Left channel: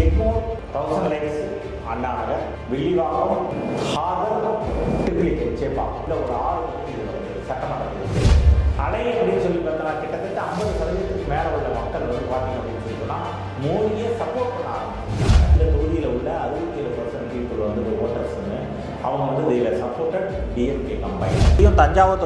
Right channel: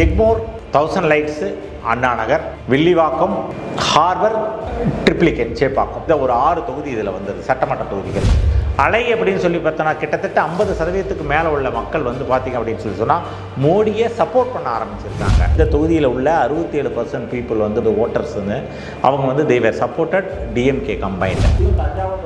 Egmore, 1000 lights, Anna Nagar, Villivakkam, harbour, triplicate, Chepauk, இந்த ஒரு 6 தொகுதி இதில் வந்தது சட்டமன்ற தொகுதிகள். அலை அப்படின்னு சொல்லி பார்த்தோன்னா கிட்டத்தட்ட 50% மேலே உள்ள மக்கள் வந்து பார்த்திங்க அப்படின்னு சொல்லி சொன்னால் மோடியை சப்போர்ட் பண்ண ஆரம்பிச்சிருக்காங்க. இந்த தொகுதியில் உள்ள 67% பீப்புள் வந்து ஓட்டர்ஸுன்னு அவங்க வந்து தேவர் சப்போர்ட்டட் டிஎம்கே கம்பைன். தஞ்சாவூர்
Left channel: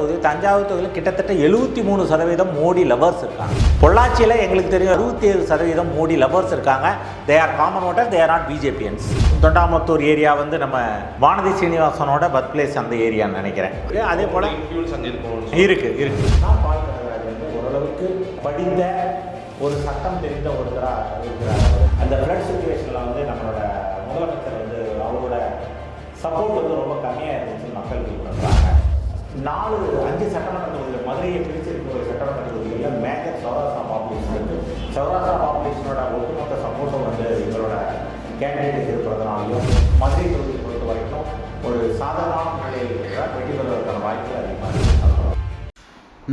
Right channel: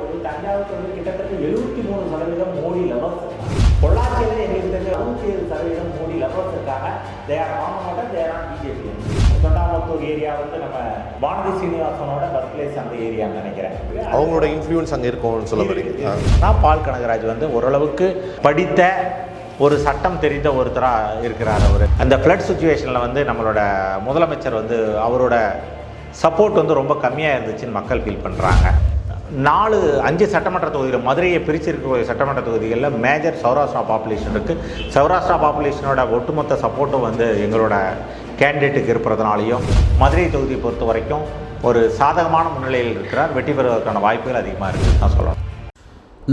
தொகுதியில் கிட்டத்தட்ட 73% மோடி லவர்ஸ் இருக்காங்க. பொள்ளாச்சியில் எங்களுக்கு தெரியும் 67% மோடி லவர்ஸ் இருக்காங்க. They are common voter, they are not BJPians. Thondamuthur area வந்து நம்ம வானதி சீனிவாசனோட பர்த் பிளேஸ் அந்த ஏரியான்னு நினைக்கிறேன். அதோட இன்ஃப்ளூயன்ஸ் அங்கே இருக்கு. பால் கனகராஜ் வந்து ஓரளவுக்கு படித்த ஒரு சட்டம் தெரிந்த ஒருத்தராக இருக்கிறார். அந்த ஃப்ளட் சுச்சுவேஷனில் வந்து நம்மளோட முதலமைச்சர் வந்து அவரோட சப்போர்ட் வந்து ரொம்ப கம்மியாக இருந்துச்சுன்னு மக்கள் ஃபீல் பண்ணுறாங்க. 5 சட்டமன்ற தொகுதியில் மதுரையை பிரிச்சிருக்க சட்டமன்ற தொகுதிகளில் மேஜர் சௌராஷ்டிரா பாப்புலேஷன் இருக்குது. சௌராஷ்டிரா பாப்புலேஷனோட ஒட்டுமொத்த சப்போர்ட்டும் வந்து எங்களோட கேண்டிடேட்டுக்கு இருப்பதனாலையும் மதுரை தொகுதியை பொறுத்த வரைக்கும் ஒரு சாதகமான நிலையில் இருக்கிறார். வெற்றி பெறுவதற்கான வாய்ப்புகள் அதிகமாக இருக்குன்னு நான் சொல்கிறேன்.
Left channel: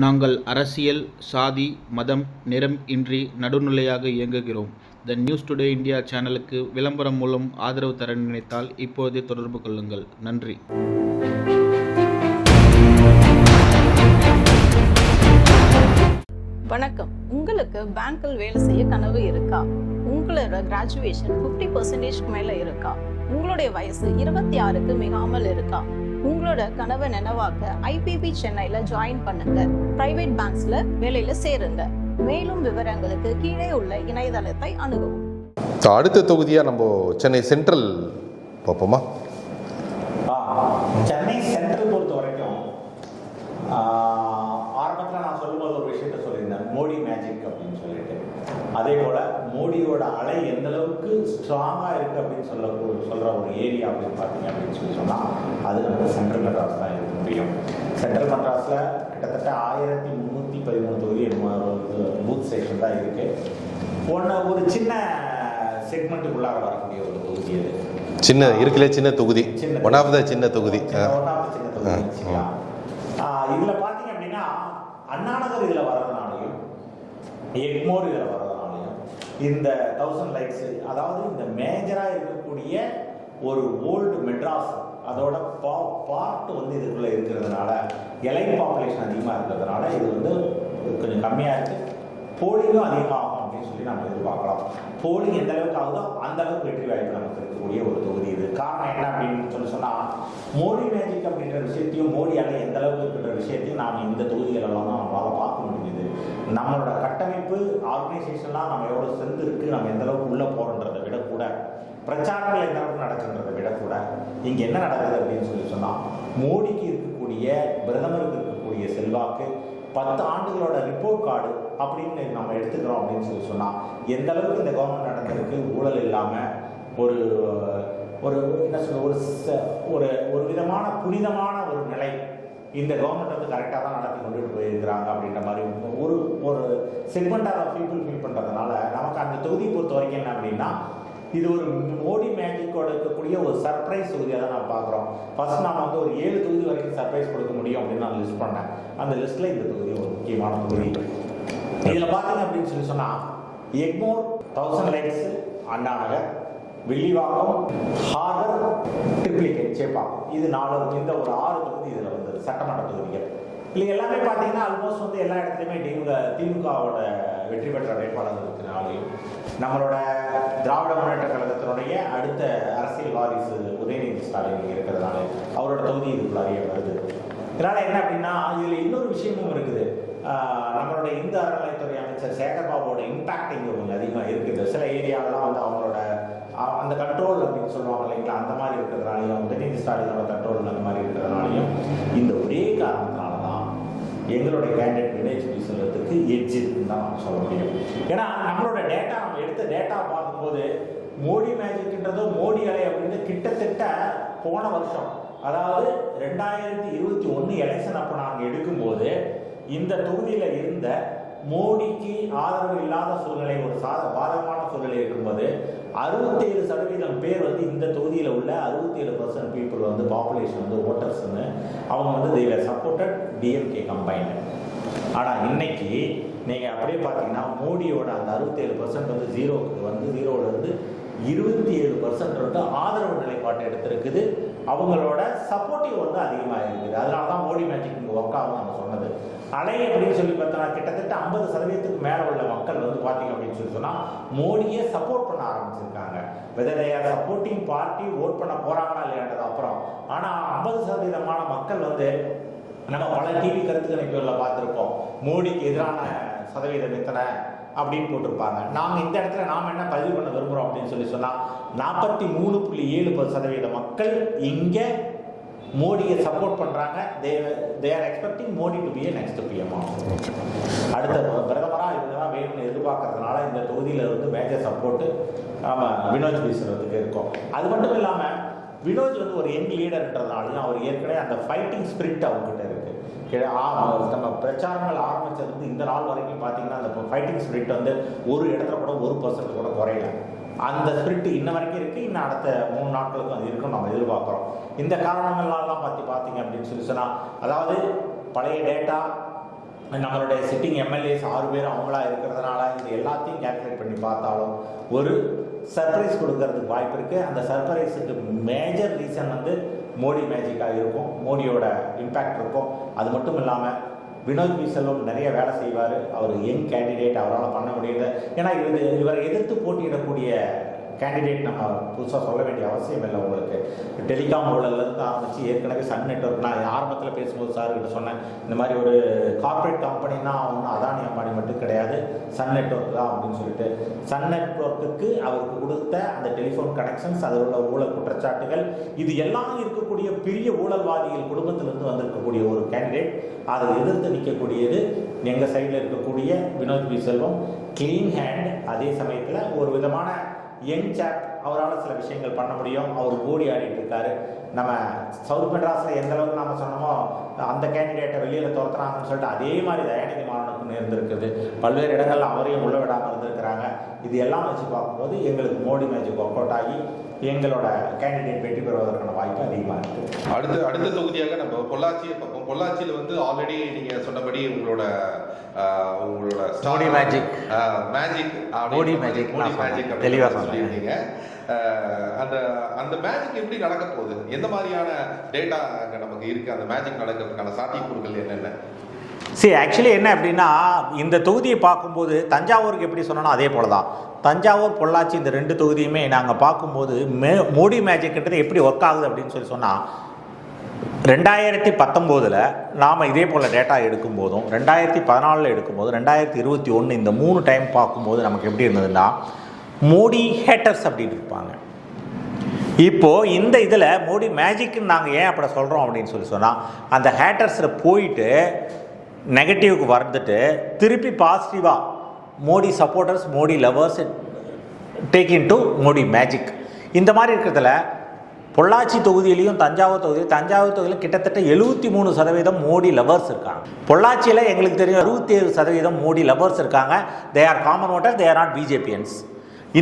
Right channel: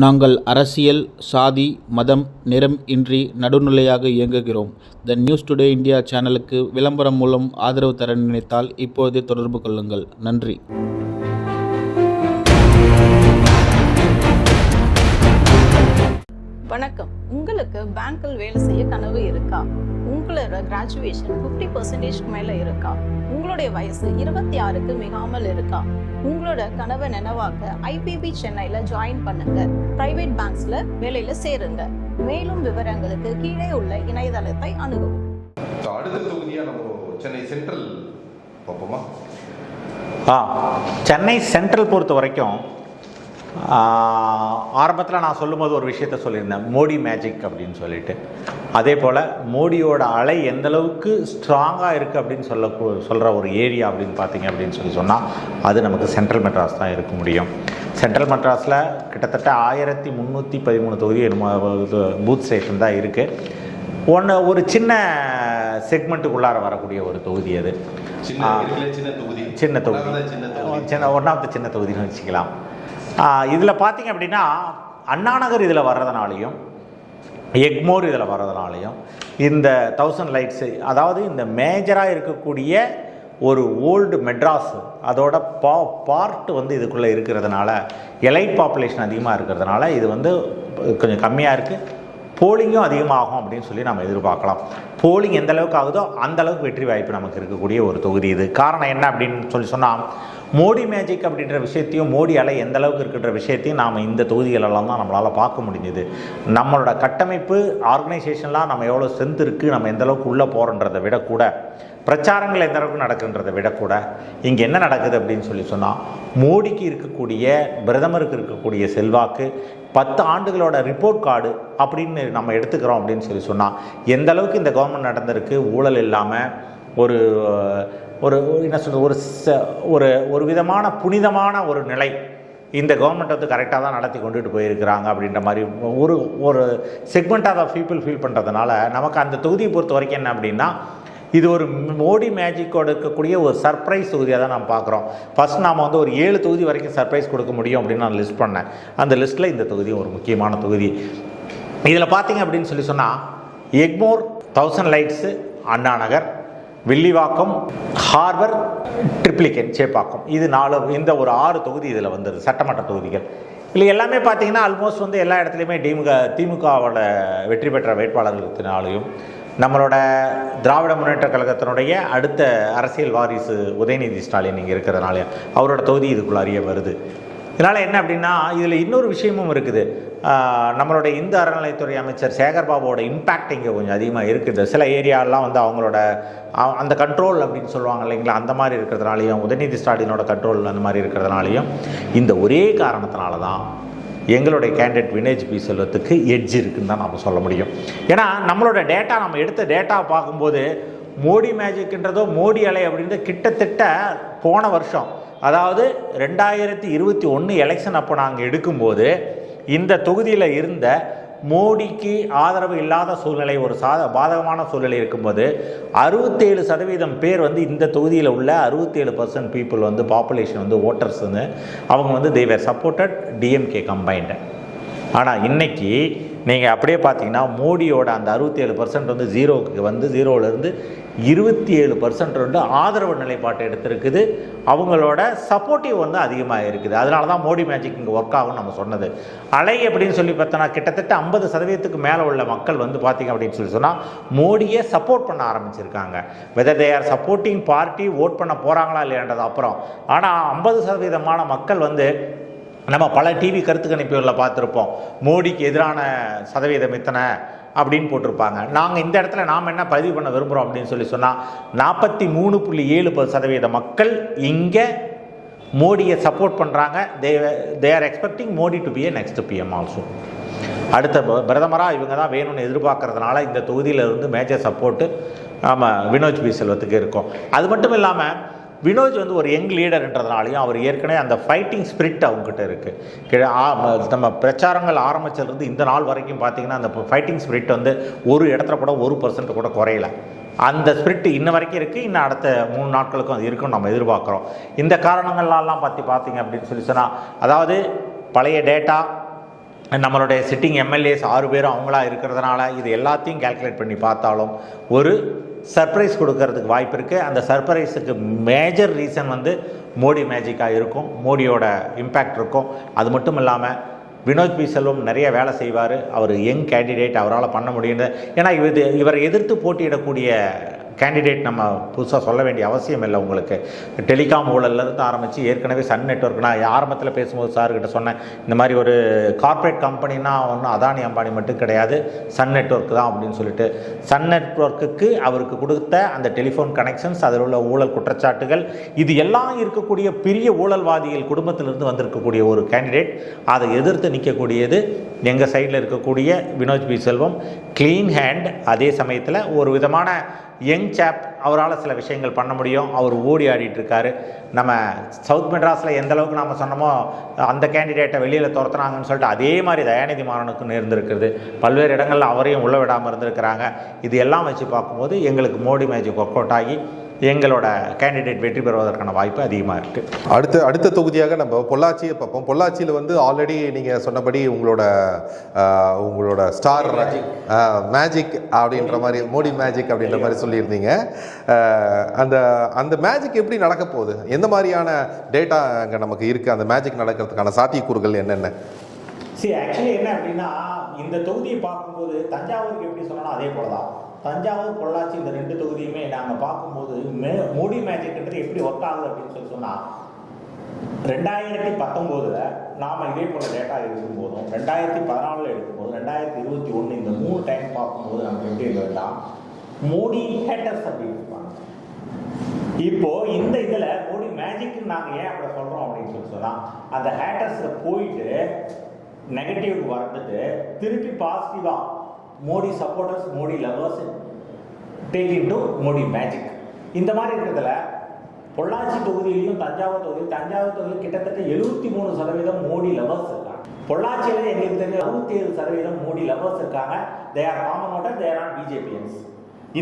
நாங்கள் அரசியல், சாதி, மதம், நிறம் இன்றி நடுநிலையாக இயங்குகிறோம். த நியூஸ் டுடே இந்தியா சேனலுக்கு விளம்பரம் மூலம் ஆதரவு தர நினைத்தால் இப்போதே தொடர்பு கொள்ளுங்கள். நன்றி. வணக்கம். உங்களுக்கு பேங்க்கில் வேலை செய்ய கனவு இருக்கா? உங்களோட கிராஜுவேஷன் 50% மேல இருக்கா? உங்களுடைய வயசு 26க்கு மிகாமல் இருக்கா? உங்களோட கனவை நினைவாக்க ஐபிபி சென்னையில ஜாயின் பண்ணுங்க. பிரைவேட் பேங்க்ஸ்ல வேலையில சேருங்க. மேலும் விவரங்களுக்கு கீழே உள்ள இணையதளத்தை அணுகவும். அடுத்த தொகுதியா நம்ம சென்னை சென்ட்ரல் பார்ப்போமா? சென்னை சென்ட்ரல் பொறுத்த வரைக்கும் ஆரம்பத்தில் நான் சொல்லும்போது ஒரு விஷயத்த சொல்லியிருந்தேன், மோடி மேஜிக் அப்படின்னு சொல்லிட்டு. அதே போல் மோடியோட அலை எந்த அளவுக்கு ஸ்ட்ராங்காக இருக்குது அப்படின்னு சொல்கிற ஒரு ஏரியா அப்படின்னு பார்த்தீங்க அப்படின்னு சொல்லி அது நமக்கு சென்ட்ரல் மெட்ராஸ் தான் இருக்க முடியும். சென்ட்ரல் மெட்ராஸில் கிட்டத்தட்ட 1313 தொகுதி பூத் ஸ்டேஷன் தான் இருக்குது. ஒரு சின்ன செக்மெண்ட்டுக்குள்ளார வரக்கூடிய ஒரு தொகுதி அது. சின்ன தொகுதி வச்சுக்கலாம். இதில் பார்த்தீங்க அப்படின்னா அண்ணா நகர் இதில் வர்றதுனாலையும் எக்மோர் இதில் வர்றதுனாலையும் இந்த 1000 லைட்ஸு, அதாவது இந்த மேஜராக இருக்கக்கூடிய ஒரு ஓல்டு மெட்ராஸ் அதோட பார்ட் வந்து இதுக்குள்ளே இருக்கிறதுனால எலைட் பாப்புலேஷன் அதிகமாக இருக்கிறதுனால இது வந்து கொஞ்சம் கம்மியாக இருக்குது. போலிங்கும் அதிகமாகும் அப்படின்னு சொல்லி நம்ம எதிர்பார்க்கலாம். போலிங் எந்த அளவுக்கு ஆகுதோ அந்த அளவுக்கு வெற்றி வாய்ப்பு நமக்கு இருக்கக்கூடிய ஒரு தொகுதி இது. காரணம் என்ன அப்படின்னு சொல்லி சொன்னால் மோடி மேஜிக் அப்படின்ற விஷயத்தையும் மோடி அலை எந்த அளவுக்கு இருக்கின்ற விஷயத்தையும் நாம் இந்த தொகுதிகளெல்லாம் தான் நம்மளால் பார்க்க முடிஞ்சுது. நம்மளோட கட்டமைப்பு ஆர்கனைசேஷன்லாம் நம்ம எவ்வளோ ஸ்ட்ரென்த் இருக்குது, நம்ம எந்த அளவுக்கு உள்ளே போகிறன்றதை விட கூட பிரச்சாரங்கள் எந்த அளவுக்கு நடக்குன்றதை விட கூட இங்கே என்ன நடக்குது அப்படின்னு சொல்லி சொன்னால் மோடிக்கு இருக்கக்கூடிய பிரதமருக்கு இருக்கக்கூடிய செல்வாக்கு 10 ஆண்டுகளோட ரிப்போர்ட் கார்டு அப்படின்னு நம்ம எடுத்துக்கிறோம் அப்படின்னு சொல்லி சொன்னால் எந்த அளவுக்கு இந்த கவர்மெண்ட் நடந்திருக்கு. ஊழல் இல்லாமல் ஒரு ஒரு என்ன சொல்றது ஒரு விதமான புனிதமான ஒரு நிலை இந்த கவர்மெண்ட் வந்து கரெக்டாக தான் நடத்தி கொண்டுட்டு போயிருக்கிறாங்க அப்படின்ற மாதிரி ஒரு செக்மெண்ட் ஆஃப் பீப்புள் ஃபீல் பண்ணுறதுனால நமக்கு அந்த தொகுதியை பொறுத்த வரைக்கும் என்ன அப்படின்னா இது ஒரு மோடி மேஜிக்கோடு இருக்கக்கூடிய ஒரு சர்ப்ரைஸ் தொகுதியாக தான் நம்ம பார்க்குறோம். ஃபஸ்ட் நாம் வந்து ஒரு 7 தொகுதி வரைக்கும் சர்ப்ரைஸ் கொடுக்க முடியும் அப்படின்னு நான் லிஸ்ட் பண்ணேன். அந்த லிஸ்ட்டில் இந்த தொகுதி ஒரு முக்கியமான தொகுதி. இதில் பார்த்தீங்க அப்படின்னு சொல்லி சொன்னால் Egmore, 1000 lights, Anna Nagar, Villivakkam, harbour, triplicate, Chepauk, இது 4 இந்த ஒரு 6 தொகுதி இதில் வந்தது சட்டமன்ற தொகுதிகள். இல்லை எல்லாமே பார்த்தீங்கன்னா ஆல்மோஸ்ட் வந்து எல்லா இடத்துலையுமே திமுகவோட வெற்றி பெற்ற வேட்பாளர்களுக்குனாலையும் நம்மளோட திராவிட முன்னேற்ற கழகத்தினுடைய அடுத்த அரசியல் வாரிசு உதயநிதி ஸ்டாலின் இங்கே இருக்கிறதுனால அவரோட தொகுதி இதுக்குள்ளாரியே வருது. இதனால் என்ன அப்படின்னா இதில் இன்னொரு விஷயமும் இருக்குது. நம்மளோட இந்து அறநிலையத்துறை அமைச்சர் சேகர்பாபுவோட இம்பேக்ட் இங்கே கொஞ்சம் அதிகமாக இருக்குது. சில ஏரியாலாம் வந்து அவங்களோட அந்த கண்ட்ரோல் அப்படின்னு சொல்லுவாங்க இல்லைங்களா, அந்த மாதிரி இருக்கிறதுனாலையும் உதயநிதி ஸ்டாலினோட கண்ட்ரோல் அந்த மாதிரி இருக்கிறதுனாலையும் இந்த ஒரே காரணத்தினால தான் எங்களுடைய கேண்டிடேட் வினேஜ் பி செல்வத்துக்கு எட்ஜ் இருக்குன்னு தான் நம்ம சொல்ல முடியும். ஏன்னா நம்மளோட டேட்டா, நம்ம எடுத்த டேட்டா பார்க்கும்போது மோடி மேஜிக்ன்றதோ மோடி அலை அப்படின்றது கிட்டத்தட்ட போன வருஷம், அதாவது 2021 எலெக்ஷன் அப்போ நாங்கள் எடுக்கும்போது இந்த தொகுதியில் இருந்த மோடிக்கு ஆதரவு இல்லாத சூழ்நிலை, ஒரு பாதகமான சூழ்நிலை இருக்கும்போது 67% பேர் வந்து இந்த தொகுதியில் உள்ள 67% பீப்புள் வந்து பாப்புலேஷன் வந்து ஓட்டர்ஸ்ன்னு அவங்க வந்து தேவர் சப்போர்ட்டட் டிஎம்கே கம்பைன்டு. ஆனால் இன்னைக்கு நீங்கள் அப்படியே பார்த்தீங்கன்னா மோடியோட அந்த 67% வந்து ஜீரோவுக்கு வந்து ஜீரோவிலேருந்து 27% வந்து ஆதரவு நிலைப்பாட்டை எடுத்திருக்குது. அவங்களோட சப்போர்ட்டிவ் வந்து அதிகமாக இருக்குது. அதனால தான் மோடி மேஜிக் இங்கே ஒர்க் ஆகும்னு நம்ம சொன்னது. அலை அப்படின்னு சொல்லி பார்த்தோன்னா கிட்டத்தட்ட 50% மேலே உள்ள மக்கள் வந்து பார்த்திங்க அப்படின்னு சொல்லி சொன்னால் மோடியை சப்போர்ட் பண்ண ஆரம்பிச்சிருக்காங்க. Whether they are supporting party vote பண்ண போகிறாங்களா இல்லையான்றது அப்புறம். ஆனால் 50% மக்கள் வந்து நம்ம பல டிவி கருத்து கணிப்புகளில் பார்த்துருப்போம், மோடிக்கு எதிரான சதவீதம் இத்தனை அப்படின்னு போட்டிருப்பாங்க. நாங்கள் இந்த இடத்துல நாம் என்ன பதிவு பண்ண விரும்புகிறோம் அப்படின்னு சொல்லி சொன்னால் 43.7% மக்கள் இங்கே மோடியை சப்போர்ட் பண்ணுறாங்க. They are expecting Modi to be a next PM also. அடுத்த பிரதமராக இவங்க தான் வேணும்னு எதிர்பார்க்கறதுனால இந்த தொகுதியில் இருந்து மேஜர் சப்போர்ட்டு ஆமாம் வினோத் பி செல்வத்துக்கு இருக்கும். அது மட்டும் இல்லாமல் வினோத் வந்து ஒரு யங் லீடர்ன்றதுனாலையும் அவர் ஏற்கனவே அந்த ஃபைட்டிங் ஸ்பிரிட் அவங்ககிட்ட இருக்குது. நம்ம பிரச்சாரங்கள் ஆரம்பிச்சிருந்து இந்த நாள் வரைக்கும் பார்த்திங்கன்னா அந்த ஃபைட்டிங் ஸ்பிரிட் வந்து ஒரு இடத்துல கூட 1% கூட குறையல. அந்த ஸ்பிரிட் இன்ன வரைக்கும் இருக்குது. இன்னும் அடுத்த 3 நாட்களுக்கும் அது இருக்குன்னு நம்ம எதிர்பார்க்குறோம். இந்த காரணங்கள்லாம் பார்த்திங்க அப்படின்னு சொல்லி சொன்னால், அதாவது பழைய டேட்டா, நம்மளுடைய சிட்டிங் எம்எல்ஏஸ் 6 பேரும் அவங்களா இருக்கிறதுனால இது எல்லாத்தையும் கால்குலேட் பண்ணி பார்த்தாலும் ஒரு சர்ப்ரைஸ் கொடுக்கறதுக்கு வாய்ப்பு இருக்குது. அந்த சர்ப்ரைஸுக்கு மேஜர் ரீசன் வந்து மோடி மேஜிக்காக இருக்கும், மோடியோட இம்பேக்ட் இருக்கும். அது மட்டும் இல்லாமல் வினோத் பி செல்வம் நிறைய வேலை செய்வார். அவர் யங் கேண்டிடேட், அவரால் பண்ண முடியுது. ஏன்னா இவரை எதிர்த்து போட்டியிடக்கூடிய கேண்டிடேட் நம்ம புதுசாக சொல்ல வேண்டிய அவசியம் இல்லை. உங்களுக்கு டெலிகாம் ஊழல்லேருந்து ஆரம்பித்து ஏற்கனவே சன் நெட்வொர்க், நான் ஆரம்பத்தில் பேசும்போது சார்கிட்ட சொன்னேன், இந்த மாதிரி ஒரு கார்ப்பரேட் கம்பெனினா ஒன்றும் அதானி அம்பானி மட்டும் கிடையாது, சன் நெட்வொர்க் தான் அப்படின்னு சொல்லிட்டு சன் நெட்வொர்க்குக்கு அவருக்கு கொடுத்த அந்த டெலிஃபோன் கனெக்ஷன்ஸ், அதில் உள்ள ஊழல் குற்றச்சாட்டுகள், இது எல்லாம் இருக்கக்கூடிய பெரிய ஊழல்வாதிகள் குடும்பத்திலிருந்து வந்திருக்கக்கூடிய ஒரு கேண்டிடேட். அதை எதிர்த்து நிற்கக்கூடியது எங்கள் சைடில் இருக்கக்கூடிய வினோத் பி செல்வம். க்ளீன் ஹேண்ட், அதே சமயத்தில் ஒரு விதமான யங் சாப், அவரால் சில விஷயங்கள் பண்ண முடியும். அவர் ஓடி ஆடிட்டு இருக்காரு. நம்ம சவுத் மெட்ராஸில் எந்த அளவுக்கு நம்ம சொன்னோமோ அந்த கேண்டிடேட்டை வெளியில் துரத்துறாங்கன்னு சொல்லிட்டு அதே மாதிரி தயாநிதி மாறனுக்கும் நேர்ந்திருக்குது. பல்வேறு இடங்களில் அவரையும் உள்ள விடாமல் இருந்திருக்கிறாங்க. இது எல்லாம் வச்சு பார்க்கும்போது எங்களுக்கு மோடி மேஜிக் ஒர்க் அவுட் ஆகி எங்களோட கேண்டிடேட் வெற்றி பெறுவதற்கான வாய்ப்பு அதிகமாக இருக்குது. அடுத்த தொகுதியாக நம்ம பொள்ளாச்சியை பார்ப்போம். பொள்ளாச்சியில் வந்து ஆல்ரெடி நீங்கள் சொன்னபடி உங்களோட ஸ்டார் மேஜிக் அப்படின்ற மாதிரி, மோடி மேஜிக் அப்படின்ற மாதிரி சொல்லியிருந்தீங்க. அந்த மேஜிக் எப்படி நடக்க போகுது? எந்த மாதிரியான டேட்டா அங்கே நமக்கு இருக்குது? அந்த மேஜிக் நடக்கிறதுக்கான சாத்தியக்கூறுகள் என்னென்ன? ஆக்சுவலி என்ன அப்படின்னா, இந்த தொகுதியை பார்க்கும்போது தஞ்சாவூருக்கு எப்படி சொன்னோன்னா அதே போல தான். தஞ்சாவூர், பொள்ளாச்சி இந்த 2 தொகுதியுமே நாங்கள் பார்க்கும்போது மோடி மேஜிக்ன்றது எப்படி ஒர்க் ஆகுது அப்படின்னு சொல்லி சொன்னால், 2019 நாம் இதே போல் டேட்டா எடுக்கும்போதும், 2014 எடுக்கும்போது, 2021 இந்த 3 டைம் பார்க்கும்போது நமக்கு எப்படி இருந்ததுன்னா, மோடி ஹேட்டர்ஸ் அப்படின்னு இருப்பாங்க. இப்போது இந்த இதில் மோடி மேஜிக்னு நாங்கள் ஏன் அப்படி சொல்கிறோம் அப்படின்னு சொல்லி சொன்னால், அந்த ஹேட்டர்ஸில் போயிட்டு நெகட்டிவ்க்கு வந்துட்டு திருப்பி பாசிட்டிவாக Modi supporters, Modi lovers take in to Modi magic. இந்த மாதிரி இருக்கிறதுல பொள்ளாச்சி தொகுதியிலையும் தஞ்சாவூர் தொகுதியில் கிட்டத்தட்ட 73% மோடி லவர்ஸ் இருக்காங்க. பொள்ளாச்சியில் எங்களுக்கு தெரியும் 67% மோடி லவர்ஸ் இருக்காங்க. They are common voter, they are not BJPians.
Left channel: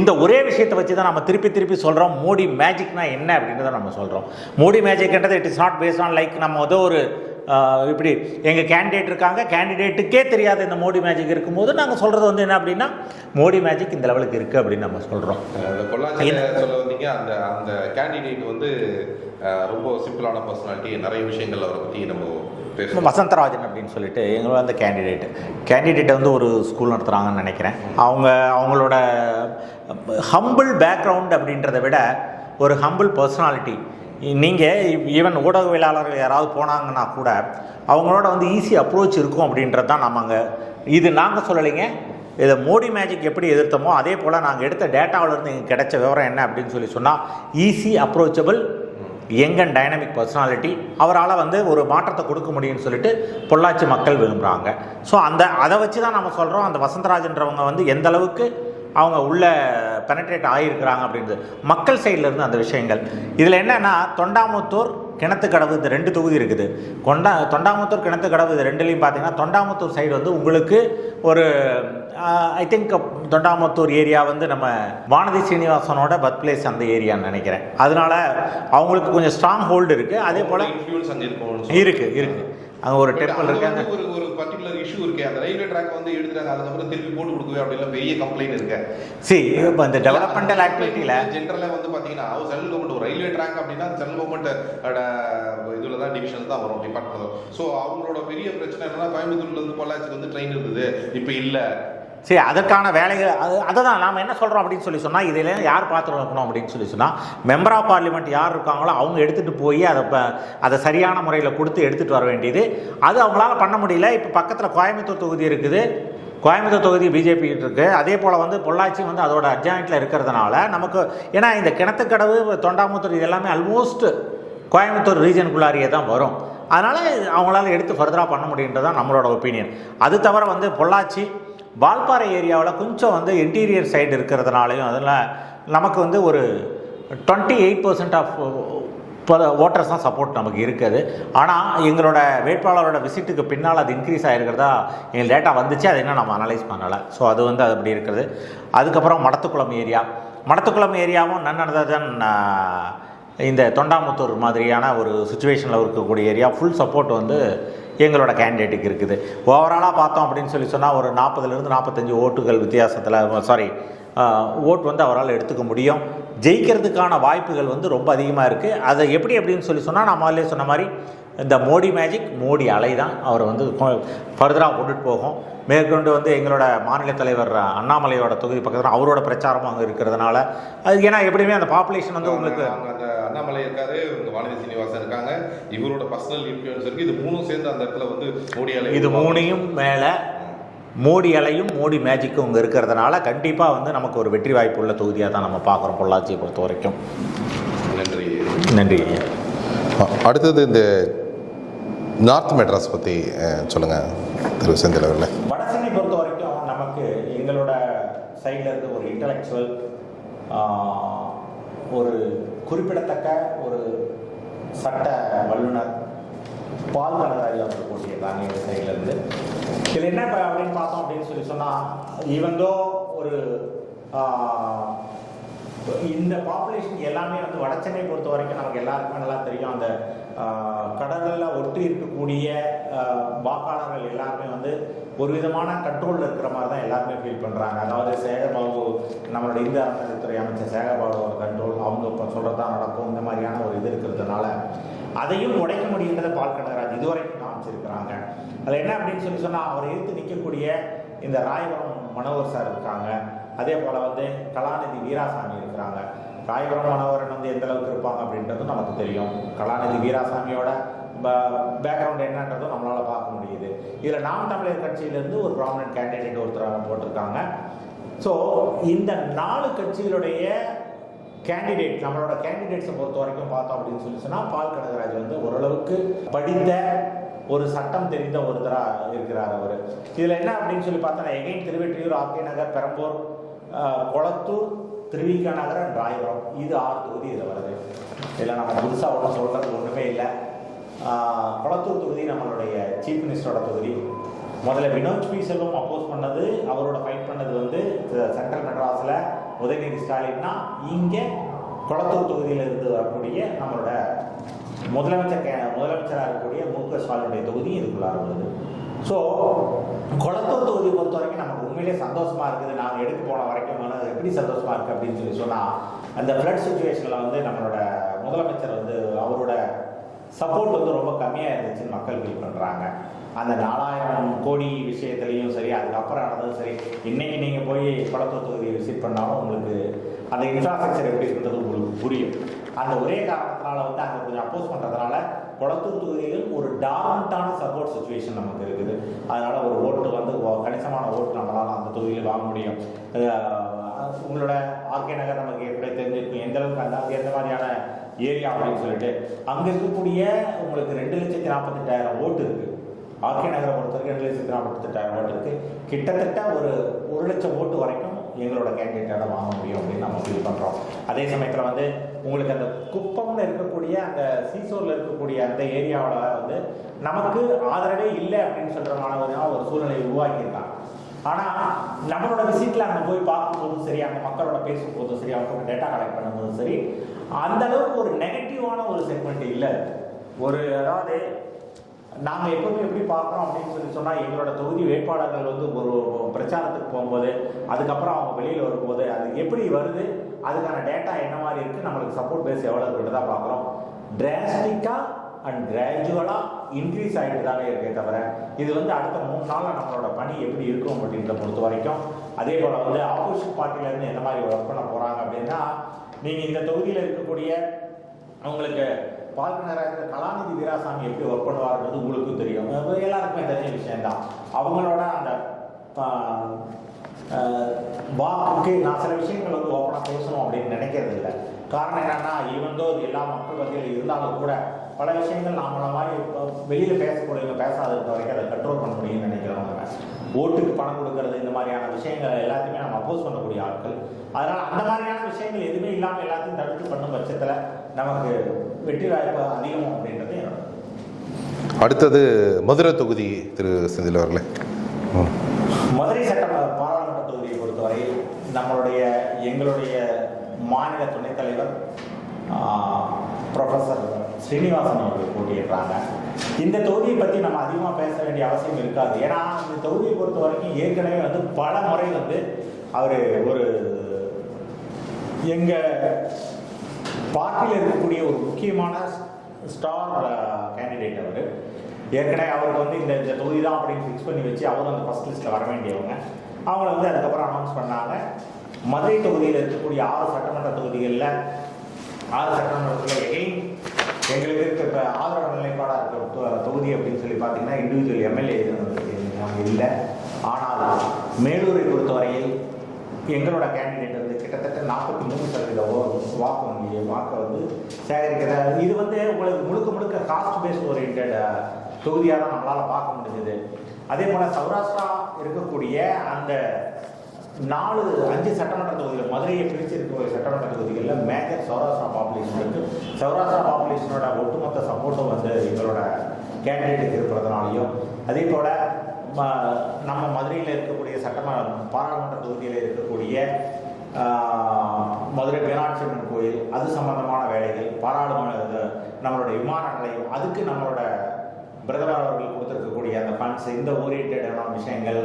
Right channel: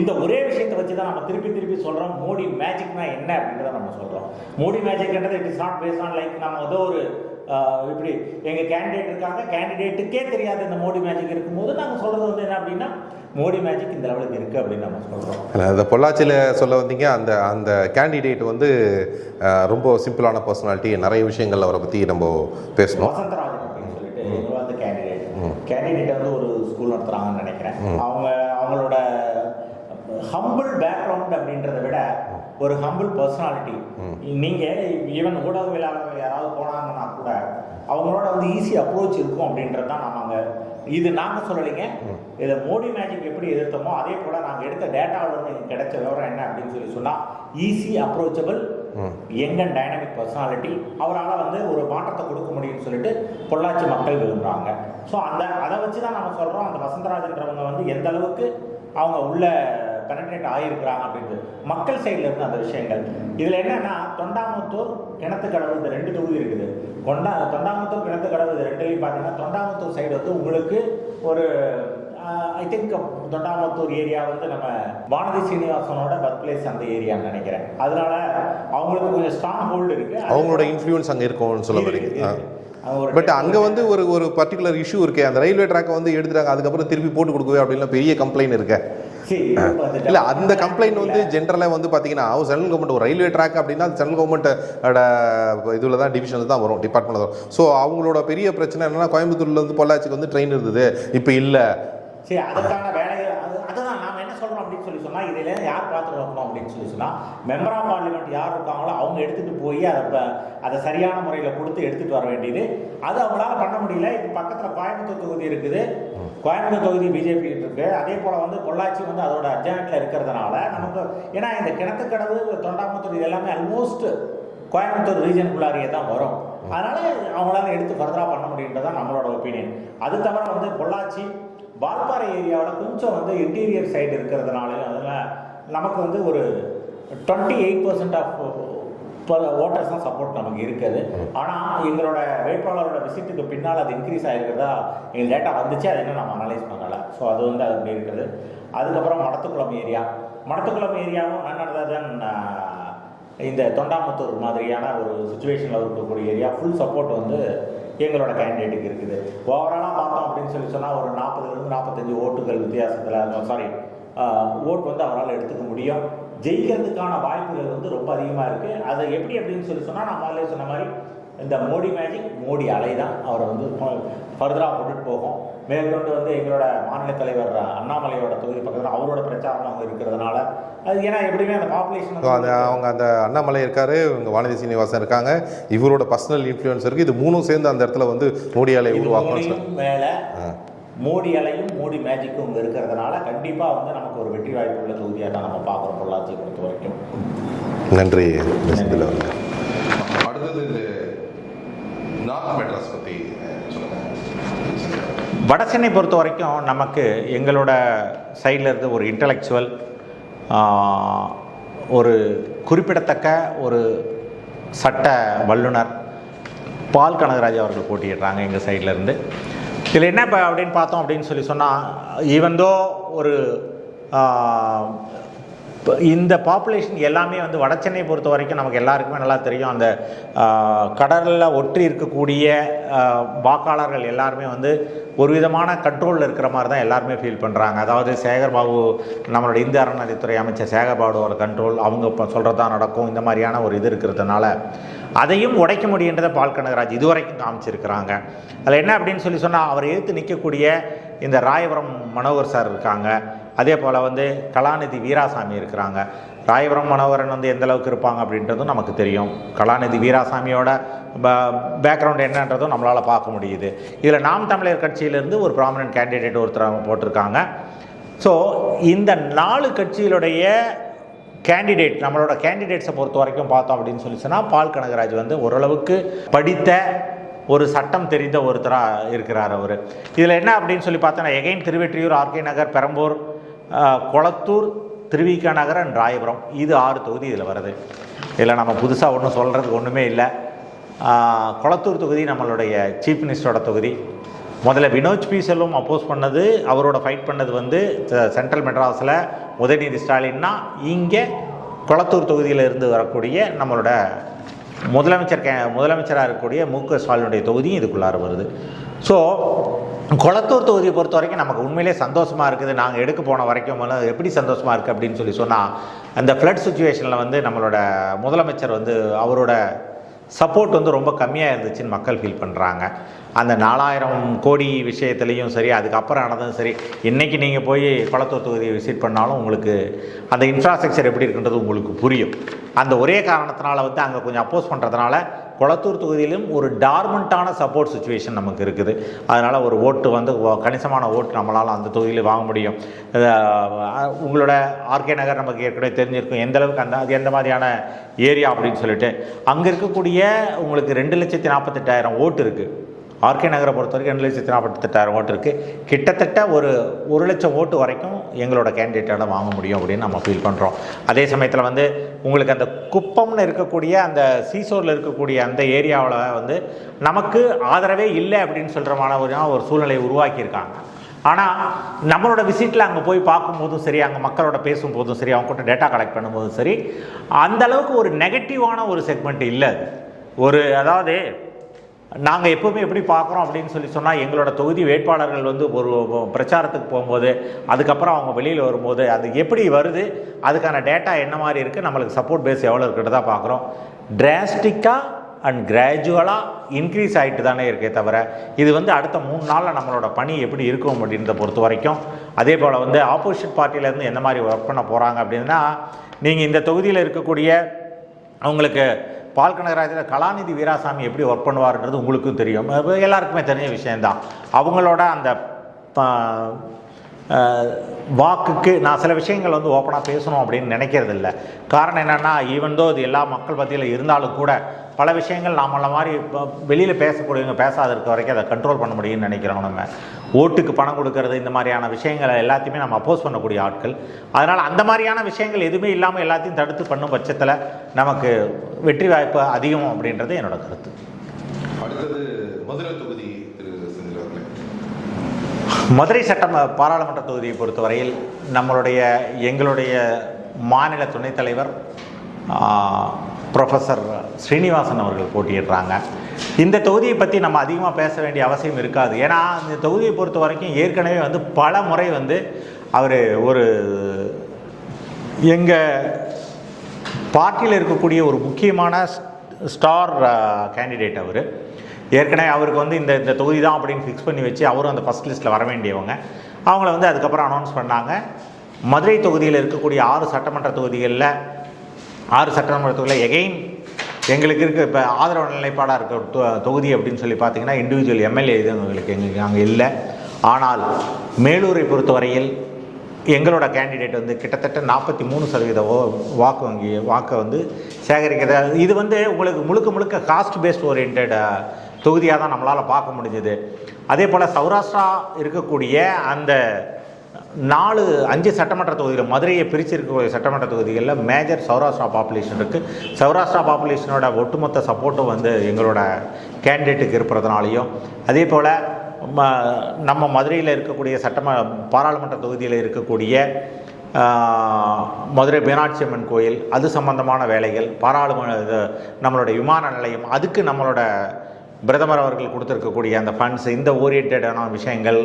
இந்த ஒரே விஷயத்தை வச்சு தான் நம்ம திருப்பி சொல்கிறோம் மோடி மேஜிக்னா என்ன அப்படின்றத நம்ம சொல்கிறோம். மோடி மேஜிக்ன்றது it is not based on like நம்ம ஒரு இப்படி எங்கள் கேண்டிடேட் இருக்காங்க, கேண்டிடேட்டுக்கே தெரியாத இந்த மோடி மேஜிக் இருக்கும்போது நாங்கள் சொல்கிறது வந்து என்ன அப்படின்னா, மோடி மேஜிக் இந்த லெவலுக்கு இருக்குது அப்படின்னு நம்ம சொல்கிறோம். அந்த பொள்ளாச்சியில் சொல்ல வந்தீங்க, அந்த கேண்டிடேட் வந்து ரொம்ப சிம்பிளான பர்சனாலிட்டி, நிறைய விஷயங்கள் அவரை பற்றி நம்ம பேசணும். வசந்தராஜன் அப்படின்னு சொல்லிட்டு எங்களோட அந்த கேண்டிடேட்டை வந்து ஒரு ஸ்கூல் நடத்துகிறாங்கன்னு நினைக்கிறேன். அவங்களோட ஹம்பிள் பேக்ரவுண்ட் அப்படின்றத விட ஒரு ஹம்பிள் பர்சனாலிட்டி. நீங்கள் ஈவன் ஊடகவியலாளர்கள் யாராவது போனாங்கன்னா கூட அவங்களோட வந்து ஈஸி அப்ரோச் இருக்கும் அப்படின்றது தான் நம்ம இது நாங்கள் சொல்லலைங்க. இதை மோடி மேஜிக் எப்படி எதிர்த்தோமோ அதே போல் நாங்கள் எடுத்த டேட்டாவிலேருந்து எங்களுக்கு கிடைச்ச விவரம் என்ன அப்படின்னு சொல்லி சொன்னால், easy approachable, young and dynamic personality, அவரால் வந்து ஒரு மாற்றத்தை கொடுக்க முடியும்னு சொல்லிட்டு பொள்ளாச்சி மக்கள் விரும்புகிறாங்க. ஸோ அதை வச்சு தான் நம்ம சொல்கிறோம், அந்த வசந்தராஜன்றவங்க வந்து எந்த அளவுக்கு அவங்க உள்ள பெனட்ரேட் ஆகியிருக்கிறாங்க அப்படின்றது மக்கள் சைடில் இருந்து அந்த விஷயங்கள். இதில் என்னென்னா, தொண்டாமுத்தூர், கிணத்துக்கடவு இந்த 2 தொகுதி இருக்குது. தொண்டாமுத்தூர், கிணத்துக்கடவு இது 2லையும் பார்த்தீங்கன்னா, தொண்டாமுத்தூர் சைடு வந்து உங்களுக்கு ஒரு ஐ திங்க் தொண்டாமுத்தூர் ஏரியா வந்து நம்ம வானதி சீனிவாசனோட பர்த் பிளேஸ் அந்த ஏரியான்னு நினைக்கிறேன். அதனால அவங்களுக்கு கொஞ்சம் ஸ்ட்ராங் ஹோல்டு இருக்குது. அவங்களோட இன்ஃப்ளூயன்ஸ் அங்கே இருக்குது. அங்கே ஒரு பட் அங்கே வந்து ஒரு பர்டிகுலர் இஷ்யூ இருக்கு. அந்த ரயில்வே ட்ராக்கை வந்து எடுத்துட்டாங்க, அதுக்கப்புறம் திருப்பி போட்டு கொடுக்கவே அப்படின்லாம் பெரிய கம்ப்ளைண்ட் இருக்கு. சரி, அந்த கம்ப்ளைண்ட் வந்து ஜென்ரலாக வந்து பார்த்தீங்கன்னா சென்ட்ரல் கவர்மெண்ட் ஒரு ரயில்வே ட்ராக் அப்படின்னா சென்ட்ரல் கவர்மெண்ட்டோட இதில் தான் டிவிஷனில் தான் வரும், டிபார்ட்மெண்ட் தான். ஸோ அவங்களோட பெரிய பிரச்சனை என்னன்னா கோயம்புத்தூர்லேருந்து பொள்ளாச்சிக்கு வந்து ட்ரெயின் இருந்தது, இப்போ இல்லை. சரி, அதற்கான வேலைகள் அதை தான் நாம் என்ன சொல்கிறோம் அப்படின்னு சொல்லி சொன்னால், இதில் யார் பார்த்து இருக்கணும் அப்படின்னு சொல்லி சொன்னால், மெம்பர் ஆஃப் பார்லிமெண்ட் யார் இருக்காங்களோ அவங்க எடுத்துகிட்டு போய் அதை சரியான முறையில் கொடுத்து எடுத்துகிட்டு வர வேண்டியது. அது அவங்களால பண்ண முடியல. இப்போ பக்கத்தில் கோயம்புத்தூர் தொகுதி இருக்குது, கோயம்புத்தூர் தொகுதி பிஜேபி இருக்குது. அதே போல் வந்து பொள்ளாச்சி வந்து அதோட அட்ஜாயிண்டில் இருக்கிறதுனால நமக்கு, ஏன்னா இந்த கிணத்துக்கடவு தொண்டாமுத்தூர் இது எல்லாமே ஆல்மோஸ்ட் கோயம்புத்தூர் ரீஜனுக்குள்ளாரியே தான் வரும். அதனால் அவங்களால எடுத்து ஃபர்தராக பண்ண முடியுன்றதான் நம்மளோட ஒப்பீனியன். அது தவிர வந்து பொள்ளாச்சி வால்பாறை ஏரியாவில் கொஞ்சம் வந்து இன்டீரியர் சைடு இருக்கிறதுனாலையும் அதில் நமக்கு வந்து ஒரு 28% ஆஃப் ஓட்டர்ஸ் தான் சப்போர்ட் நமக்கு இருக்குது. ஆனால் எங்களோட வேட்பாளரோட விசிட்டுக்கு பின்னால் அது இன்க்ரீஸ் ஆகிருக்கிறதா எங்கள் டேட்டா வந்துச்சு, அது இன்னும் நம்ம அனலைஸ் பண்ணலை. ஸோ அது வந்து அது அப்படி இருக்குது. அதுக்கப்புறம் மடத்துக்குளம் ஏரியாவும் நன்னதான் இந்த தொண்டாமுத்தூர் மாதிரியான ஒரு சுச்சுவேஷனில் இருக்கக்கூடிய ஏரியா ஃபுல் சப்போர்ட் வந்து எங்களோட கேண்டிடேட்டுக்கு இருக்குது. ஓவராலாக பார்த்தோம் அப்படின்னு சொல்லி சொன்னால் ஒரு 40லேருந்து 45 ஓட்டுகள் வித்தியாசத்தில் ஓட் வந்து அவரால் எடுத்துக்க முடியும். ஜெயிக்கிறதுக்கான வாய்ப்புகள் வந்து ரொம்ப அதிகமாக இருக்குது. அதை எப்படி அப்படின்னு சொல்லி சொன்னால், நான் முதல்ல சொன்ன மாதிரி இந்த மோடி மேஜிக், மோடி அலை தான் அவரை வந்து ஃபர்தராக கொண்டுட்டு போகும். மேற்கொண்டு வந்து எங்களோட மாநில தலைவர் அண்ணாமலையோட தொகுதி பக்கத்தில் அவரோட பிரச்சாரம் அங்கே இருக்கிறதுனால அது, ஏன்னா எப்படியுமே அந்த பாப்புலேஷன் வந்து அவங்க அந்த அண்ணாமலை இருக்காரு, இவங்க வானதி சீனிவாசன் இருக்காங்க, இவரோட பர்சனல் இன்ஃப்ளூயன்ஸ் இருக்குது. இது மூணும் சேர்ந்து அந்த இடத்துல வந்து மோடி அலை, இது மூணையும் மேலே மோடி அலையும் மோடி மேஜிக்கும் இங்கே இருக்கிறதுனால கண்டிப்பாக வந்து நமக்கு ஒரு வெற்றி வாய்ப்பு உள்ள தொகுதியாக தான் நம்ம பார்க்குறோம் பொள்ளாச்சியை பொறுத்த வரைக்கும். நன்றி. அடுத்தது இந்த நார்த் மெட்ராஸ் பற்றி சொல்லுங்கள் திரு செந்தில் அவர்களே. வட சென்னை பொறுத்த வரைக்கும் நமக்கு எங்களோட சைட்லேருந்து ஒரு இன்டலெக்சுவல், ஒரு குறிப்பிடத்தக்க ஒரு சட்ட வல்லுனர் பால் கனகராஜ் அவர்கள் போட்டியிடுறாங்க எங்கள் சைட்லேருந்து. இதில் என்ன இப்போ அப்படின்னு பார்த்தோம் அப்படின்னு சொல்லி சொன்னால், ஈவந்தோ ஒரு இந்த பாப்புலேஷன் எல்லாமே வந்து வட சென்னை பொறுத்த வரைக்கும் நமக்கு எல்லாருக்குமே நல்லா தெரியும். அந்த கடலில் ஒற்றி இருக்கக்கூடிய வாக்காளர்கள் எல்லாருமே வந்து ஒரு விதமான கண்ட்ரோலில் இருக்கிற மாதிரி தான் எல்லாருமே ஃபீல் பண்ணுறாங்க. அதாவது சேகர்பாபு, நம்மளோட இந்திய அறநிலையத்துறை அமைச்சர் சேகர்பாபுவோட கண்ட்ரோல், அவங்க இப்போ சொல்கிறதா நடக்கும், இந்த மாதிரியான ஒரு இது இருக்கிறதுனால அதையும் உடைக்க முடியுன்றதை பால் கனகராஜ் இதுவரைக்கும் காமிச்சிருக்கிறாங்க. அதில் என்ன அப்படின்னு சொல்லி சொன்னால், அவரை எதிர்த்து நிற்கக்கூடிய இந்த ராயபுரம் மனோகர் சார் இருக்காங்க. அதே போல் வந்து கலாநிதி வீராசாமி இருக்கிறாங்க. ராயபுரம் மனோகரன் வந்து எந்த அளவுக்கு இருப்பாங்க அப்படின்றதும் நமக்கு தெரியும். கலாநிதி வீராசாமியோட பேக்ரவுண்ட் என்னன்றதும் நம்மளால் பார்க்க முடியுது. இதில் நாம் தமிழர் கட்சியிலேருந்து ஒரு ப்ராமினன்ட் கேண்டிடேட் ஒருத்தர் அவங்க போட்டிருக்காங்க. ஸோ இந்த 4 கட்சிகளுடைய கேண்டிடேட், நம்மளோட கேண்டிடேட்ஸை பொறுத்த வரைக்கும் பார்த்தோம் அப்படின்னு சொல்லி சொன்னால், பால் கனகராஜ் வந்து ஓரளவுக்கு படித்த ஒரு சட்டம் தெரிந்த ஒருத்தராக இருக்கிறார் அவர். இதில் என்ன அப்படின்னு சொல்லி பார்த்தோன்னா, எகைன் திருவெற்றியூர், ஆர்கே நகர், பெரம்பூர், கொளத்தூர், திருவிக நகர் அண்ட் ராயபுரம், இது 6 தொகுதி இதில் வருது. இதில் நம்ம புதுசாக ஒன்றும் சொல்கிறதுக்கு ஒன்றுமே இல்லை. கொளத்தூர் தொகுதி நம்மளுடைய சீஃப் மினிஸ்டரோட தொகுதி. முதல்ல வினோத் பி செல்வம் அப்போஸ் பண்ணது, அவரோட ஃபைட் பண்ணது வந்து சென்ட்ரல் மெட்ராஸில் உதயநிதி ஸ்டாலின்னா, இங்கே கொளத்தூர் தொகுதியில் இருந்து வரக்கூடிய நம்மளோட முதலமைச்சராக இருக்கக்கூடிய மு.க. ஸ்டாலினுடைய தொகுதியும் இதுக்குள்ளார வருது. ஸோ கொளத்தூர் தொகுதியை பொறுத்த வரைக்கும் நமக்கு உண்மையிலே சந்தோஷமாக இருக்குது. நாங்கள் எடுக்க போன வரைக்கும் எப்படி சந்தோஷமாக இருக்குது அப்படின்னு சொல்லி சொன்னால், அந்த ஃப்ளட் சுச்சுவேஷனில் வந்து நம்மளோட முதலமைச்சர் வந்து அவரோட சப்போர்ட் வந்து ரொம்ப கம்மியாக இருந்துச்சுன்னு மக்கள் ஃபீல் பண்ணுறாங்க. அந்த 4000 கோடி விஷயத்துலேயும் சரி, அதுக்கப்புறம் ஆனதும் சரி, இன்றைக்கி நீங்கள் போய் கொளத்தூர் தொகுதியை விசிட் பண்ணாலும் உங்களுக்கு அந்த இன்ஃப்ராஸ்ட்ரக்சர் எப்படி இருக்குன்றது உங்களுக்கு புரியும். அந்த ஒரே காரணத்தினால வந்து அங்கே கொஞ்சம் அப்போஸ் பண்ணுறதுனால கொளத்தூர் தொகுதியிலும் ஒரு டார்மெண்ட்டான சப்போர்ட் சுச்சுவேஷன் நமக்கு இருக்குது. அதனால் ஒரு ஓட்டு வந்து கணிசமான ஓட்டு நம்மளால் அந்த தொகுதியில் வாங்க முடியும். உங்களோட ஆர்கே நகர் நமக்கு ஏற்கனவே தெரிஞ்சிருக்கும் எந்த அளவுக்கு அது எந்த மாதிரியான ஏரியா அப்படின்னு சொல்லிட்டு. அங்கே இருக்கக்கூடிய உங்களுக்கு 2,48,000 ஓட்டு இருக்குது. ஆர்கே நகரை பொறுத்த வரைக்கும் 2,48,000 ஓட்டு இருக்குது. கிட்டத்தட்ட ஒரு 1,00,000 ஓட்டு வரைக்கும் எங்களோட கேண்டிடேட்டால் வாங்க முடியும் அப்படின்னு நம்ம ஃபீல் பண்ணுறோம். அதே சமயத்தில் வந்து உங்களுக்கு அந்த குப்பம்னு இருக்கக்கூடிய அந்த சீசோரில் இருக்கக்கூடிய அந்த ஏரியாவில் வந்து நமக்கு ஆதரவே இல்லை அப்படின்னு சொல்கிற ஒரு சூழ்நிலையை உருவாக்கியிருக்காங்க. ஆனால் நம்மளோட விசிட்டில் அங்கே போய் பார்க்கும்போதும் சரி, அங்கே மக்களோட பேசும்போதும் சரி, அவங்க கூட டேட்டா கலெக்ட் பண்ணும்போதும் சரி, அந்தளவுக்கு ஒரு நெகட்டிவான ஒரு செக்மெண்ட் இல்லை. அதாவது நாங்கள் எப்போவுமே எப்படி பார்க்குறோம் அப்படின்னு சொன்னால் எங்களோட தொகுதி வேட்பாளர்கள் வந்து ஒரு பிரச்சாரத்துக்கு போகும்போது அதுக்கப்புறம் அவங்க வெளியில் வரும்போது அது எப்படி வருது, அதுக்கான டேட்டா என்ன மாதிரி இருக்குது, நம்மளுக்கு சப்போர்ட் பேஸ் எவ்வளோ இருக்குன்னு தான் பார்க்குறோம். டிராஸ்டிக்காக அண்ட் கிராஜுவலாக இன்க்ரீஸ் ஆகிட்டு தானே இருக்கே தவிர இது வந்து அடுத்த 3 நாளில் நம்மளோட பணி எப்படி இருக்கும் அப்படின்றத பொறுத்த வரைக்கும். அதே போல் வந்து ஆப்போசிட் பார்ட்டியிலேருந்து எந்த மாதிரி ஒர்க் பண்ண போகிறாங்க அப்படின்னா, நீங்கள் இந்த தொகுதியில் இருக்கக்கூடிய அவங்களுக்கு பால் கனகராஜில் கலாநிதி வீராசாமி எப்படி ஒர்க் பண்ணுவார்ன்றது உங்களுக்கும் தெரியும், எல்லாருக்குமே தெரிஞ்ச விஷயந்தான். அவங்களோட அந்த வாக்குக்கு நான் சில விஷயங்கள் வந்து ஓப்பனாக பேசணும் அப்படின்னு நினைக்கிறது இல்லை. காரணம் என்னென்னா, ஈவன்தோ இது எல்லா மக்கள் மத்தியில் இருந்தாலும் கூட பல விஷயங்கள் நம்மள மாதிரி வெளியில் பேசக்கூடியவங்க பேசாத இருக்க வரைக்கும் அதை கண்ட்ரோல் பண்ண முடியும்னு நினைக்கிறோம். நம்ம ஓட்டுக்கு பணம் கொடுக்கறது இந்த மாதிரியான விஷயங்களை எல்லாத்தையுமே நம்ம அப்போஸ் பண்ணக்கூடிய ஆட்கள். அதனால் அந்த மாதிரியான விஷயங்கள் எதுவுமே இல்லாமல் எல்லாத்தையும் தடுத்து பண்ணும் பட்சத்தில் நமக்கு வெற்றி வாய்ப்பு அதிகம் அப்படின்றது என்னோட கருத்து. அடுத்தது மதுரை தொகுதி திரு செந்தில் அவர்களே. மதுரை பாராளுமன்ற தொகுதியை பொறுத்தவரையில் எங்களுடைய மாநில துணைத் தலைவர் ப்ரொஃபஸர் ஸ்ரீனிவாசன் அவர்கள் போட்டியிடுறாங்க. இந்த தொகுதியை பற்றி நம்ம அதிகமாக பேச வேண்டிய அவசியம் இருக்காது. ஏன்னா இந்த தொகுதியை பொறுத்த வரைக்கும் ஏற்கனவே வந்து பல முறை வந்து அவர் ஒரு எங்கள் பார்ட்டியில் இருக்கக்கூடிய ஒரு முக்கியமான ஸ்டார் கேண்டிடேட். அவர் ஏற்கனவே அவருக்கு வந்து இந்த தொகுதி தான் அப்படின்னு ஃபிக்ஸ் பண்ணி வச்சு அவரும் அந்த ஃபஸ்ட் லிஸ்ட்டில் வர வேண்டியவங்க. அவங்கள வந்து அதுக்கப்புறம் அனௌன்ஸ் பண்ணாங்க. மதுரை தொகுதியில் இருக்கக்கூடிய 6 சட்டமன்ற தொகுதிகளில் எகெயின் எங்களுக்கு இருக்க இப்போ ஆதரவு நிலைப்பாடாக இருக்க தொகுதி அப்படின்னு சொல்லி பார்த்தீங்கன்னா இண்டிவிஜுவல் எம்எல்ஏ இது எங்களுக்கு அங்கே இல்லை. ஆனால் மேலூரை பொறுத்தவரையில் எங்களோட கேண்டிடேட் வந்து கிட்டத்தட்ட 43% வாக்கை வந்து சேகரிக்கிறது. இது வந்து உங்களுக்கு முழுக்க காஸ்ட் பேஸ்ட் ஓரியன்ட் தொகுதியாக தான் நம்மளால் பார்க்க முடிஞ்சுது. அதே போல் சௌராஷ்டிரா இருக்கக்கூடிய அந்த 5 சட்டமன்ற தொகுதிகள், மதுரையை பிரிச்சிருக்கக்கூடிய சட்டமன்ற தொகுதிகளில் மேஜர் சௌராஷ்டிரா பாப்புலேஷன் இருக்குது. சௌராஷ்டிரா பாப்புலேஷனோட ஒட்டுமொத்த சப்போர்ட்டும் வந்து எங்களோட கேண்டிடேட்டுக்கு இருப்பதுனாலையும், அதே போல் நம்ம மதுரையில் இருக்கக்கூடிய பாராளுமன்ற தொகுதியில் இருக்கக்கூடிய மதுரை மீனாட்சி அம்மன் கோயில், அது சம்பந்தமான வேலைகள், நம்மளோட விமான நிலையம், அதுக்கு நம்மளோட பிரதமர் அவர்கள் கொடுத்துருக்கக்கூடிய அந்த ஃபண்ட்ஸ், இந்த ஓரியன்டான விஷயங்கள்,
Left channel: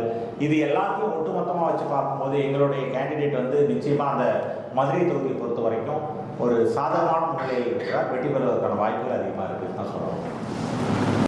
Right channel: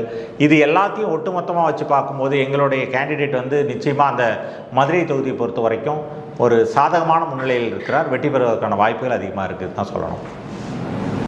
இது எல்லாத்தையும் ஒட்டுமொத்தமாக வச்சு பார்க்கும்போது எங்களுடைய கேண்டிடேட் வந்து நிச்சயமாக அந்த மதுரை தொகுதியை பொறுத்த வரைக்கும் ஒரு சாதகமான முன்னிலையில் இருக்கிறார். வெற்றி பெறுவதற்கான வாய்ப்புகள் அதிகமாக இருக்குதுன்னு தான் சொல்லணும்.